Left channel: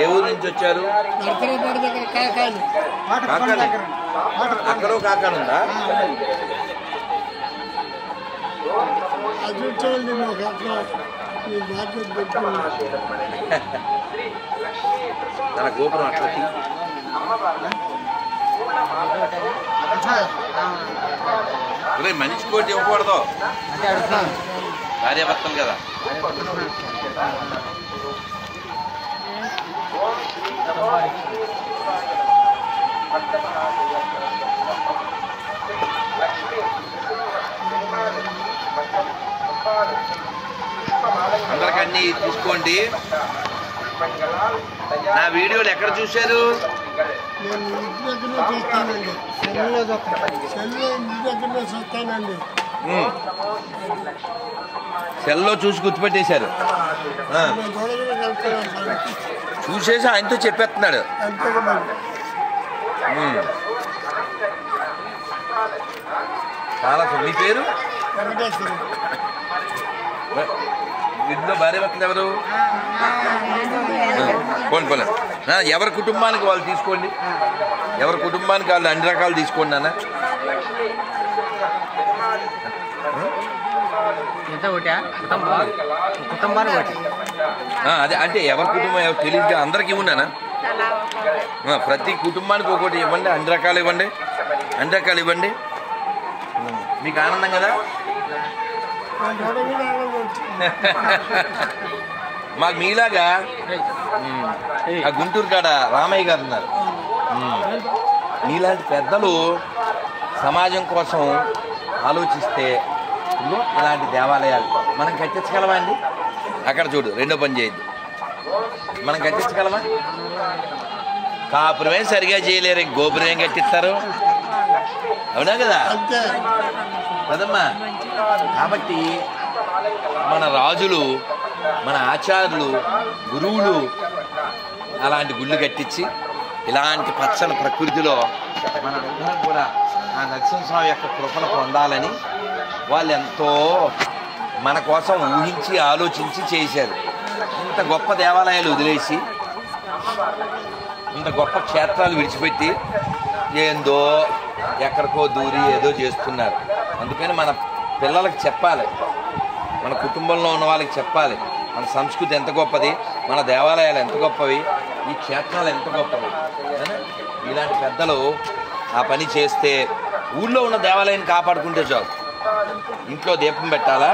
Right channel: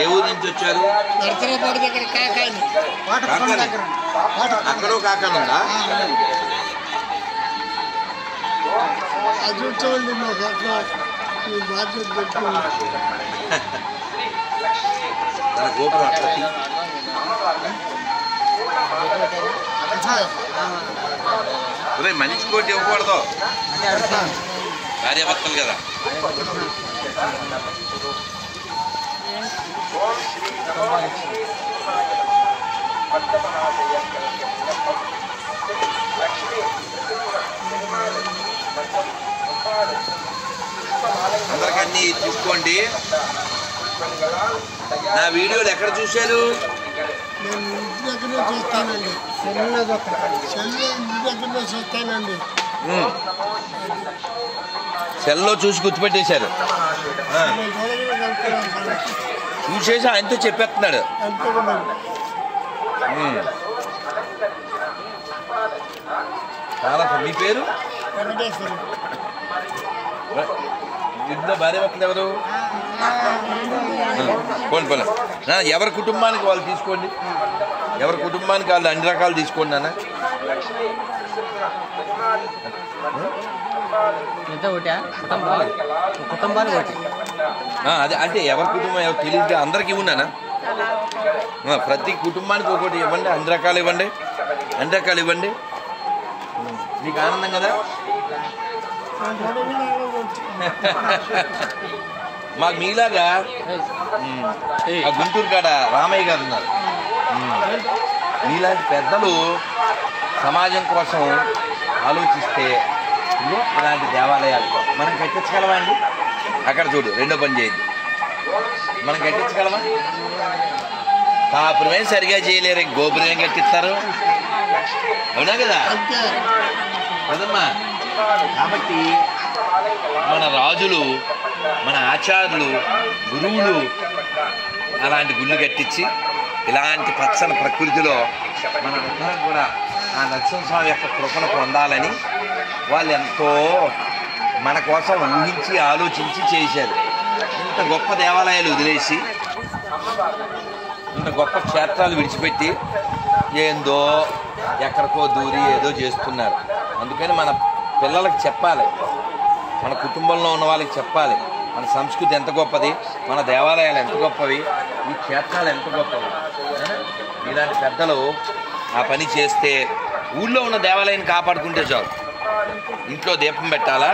ఏ ఊరు నుంచి వచ్చారు? అక్కడ కాకానుందా? తన గోపురం అట్లా మనిషి కోటి ఇవ్వకూడదు, భార్యాభర్తలు కదా. అందరికి అన్ని చూసుకోండి. నా వీడియోలు ఎక్కడ చూశారు? నేను ఇంటి దగ్గర చూస్తానండి, ఇంటి దగ్గర చూస్తానండి. సెల్లో చూసి గుర్తుపెట్టేశారు. చూసేసి ఆయనతో చెప్పేస్తున్నాడు. చాలా. మీ పేరు? ఇంట్లో భార్య భర్తలు ఎవరు? పోనీ ఎవరి కుటుంబానికి వాళ్ళు తీసుకోండి, ఎవరి కుటుంబానికి వాళ్ళు అన్ని రకాలు తీసుకోండి నాన్న. అదే అంటే ఎవరి కుటుంబం ఎవరు తెలియదు, అందరికి ఇవ్వన్నానా? ప్రతి కుటుంబానికి ఒకటి ఇవ్వండి, అన్ని రకాలు ఇవ్వండి, అన్ని రకాలు ఇవ్వండి. మీకు ఆనందం కదా? మాకు మీలాగా ఆ గుంటూరు కాడ రామయ్య గారు ఉన్నారు. మీలాంటి పెద్దలు సమాజం కోసం ఆలోచిస్తే ఇలాంటి దేవాలయాలు మనం కట్టించగలమా అండి? అక్కడ చూడు, రెండో పని చేయద్దు. మనం కట్టించగలమా? కాపురమే సరిగా చేయలేరు, గోపురం ఏం కట్టిస్తారు? అవునా కదా కదమ్మా? కాబట్టి మన రాజులు, మన ఆచార్యులు, గురువులు అలాంటి గుళ్ళు కట్టించి ఇలాంటి పచ్చని ప్రకృతిలో మన కూడా ఆ నరసింహస్వామి యొక్క కృపను పొందాలని వాళ్ళు ఎంతో మన కోసం ఊహించి ఆలోచించి చేశారు. ఇంత గొప్ప దేవాలయాలు వదిలేసి, ఇంత గొప్ప క్షేత్రాలు విడిచిపెట్టి ఏందో ఎక్కడికో దూరి ఏదో చేస్తున్నారు. అందుకని మన పిల్లలకు చెప్పాలి, మన కుటుంబంలో ఉన్న వాళ్ళకి చెప్పాలి, మన సంస్కృతి ఎంత గొప్పది, మన దేవాలయాలు ఎంత గొప్పవి, ఈ క్షేత్రాలు ఎంత గొప్పవి. ఇలాంటి పెద్దలు ఆ పని చేస్తే ఊళ్ళో ఉన్న దేవాలయాన్ని కాపాడుకుంటే చాలు. ఇంట్లో దీపం పెట్టాలా,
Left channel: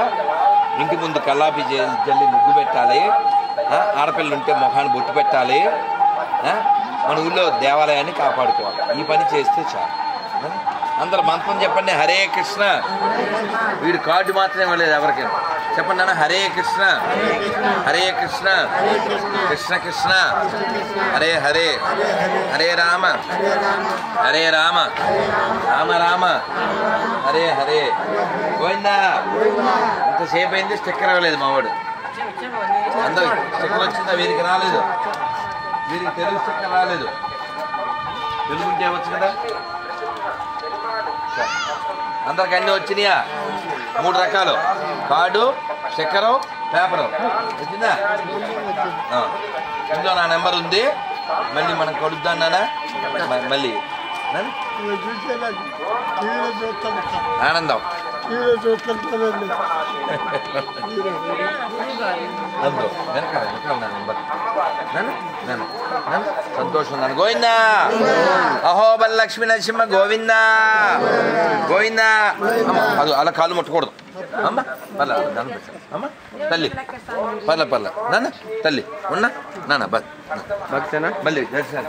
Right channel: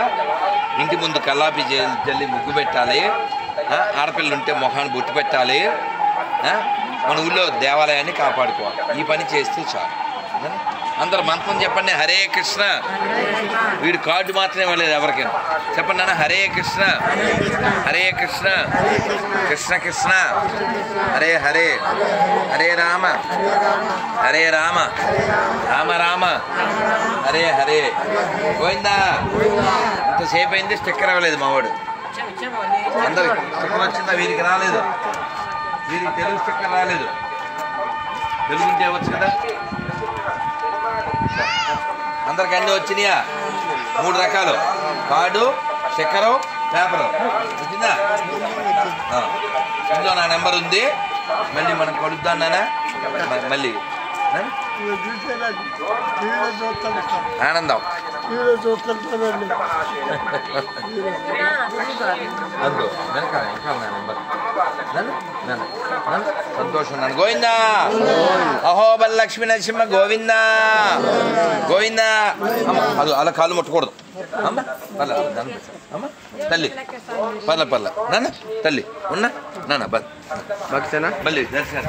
ఇంటి ముందు కల్లాపి జల్లి ముగ్గు పెట్టాలి, ఆడపిల్లలు ఉంటే మొహాన్ని బొట్టు పెట్టాలి, మన ఊళ్ళో దేవాలయాన్ని కాపాడుకోవాలి. ఈ పని చేస్తే చాలు. అందరు మంత్రం చెప్పండి. హరే కృష్ణ. వీడు కార్డు మాత్రమే ఇవ్వలేదు ఎవరికైనా. చెప్పండి నాన్న, హరే కృష్ణ, హరే కృష్ణ, కృష్ణ కృష్ణ, హరే హరే, హరే రామ, హరే రామ, రామ రామ, హరే హరే. పోయిందా? ఇంతసేపు అయింది, స్టిక్కర్ అవ్వలేదు మావాడు. అందరికి స్టిక్కర్ వచ్చిందా? వీరికి రాలేదు, వీరికి తెలుగు స్టిక్కర్ రాలేదు. తెలుగు ఉంటే వచ్చు కదా. అందరికి అన్నీ వచ్చినాయా? 3 రకాలు: కార్డు, స్టిక్కరు, పేపరు. వచ్చిందా? ఇందులో నా నెంబర్ ఉంది. మళ్ళీ మనం కలుద్దాం నాన్న. మళ్ళీ ఆనందం అందులో వెనకాల వెనకాల నా నెంబర్ సంతోషం నాన్న. గోవిందా అహోబల్ లక్ష్మీ నరసింహ గోవిందా గోవిందా. అది అలా కాలు ముట్టకూడదు అమ్మ. పర్ల అమ్మ తల్లి, పర్ల నాన్న తల్లి ఉన్నా నాన్న. భక్తేనా? మళ్ళీ దర్శనం.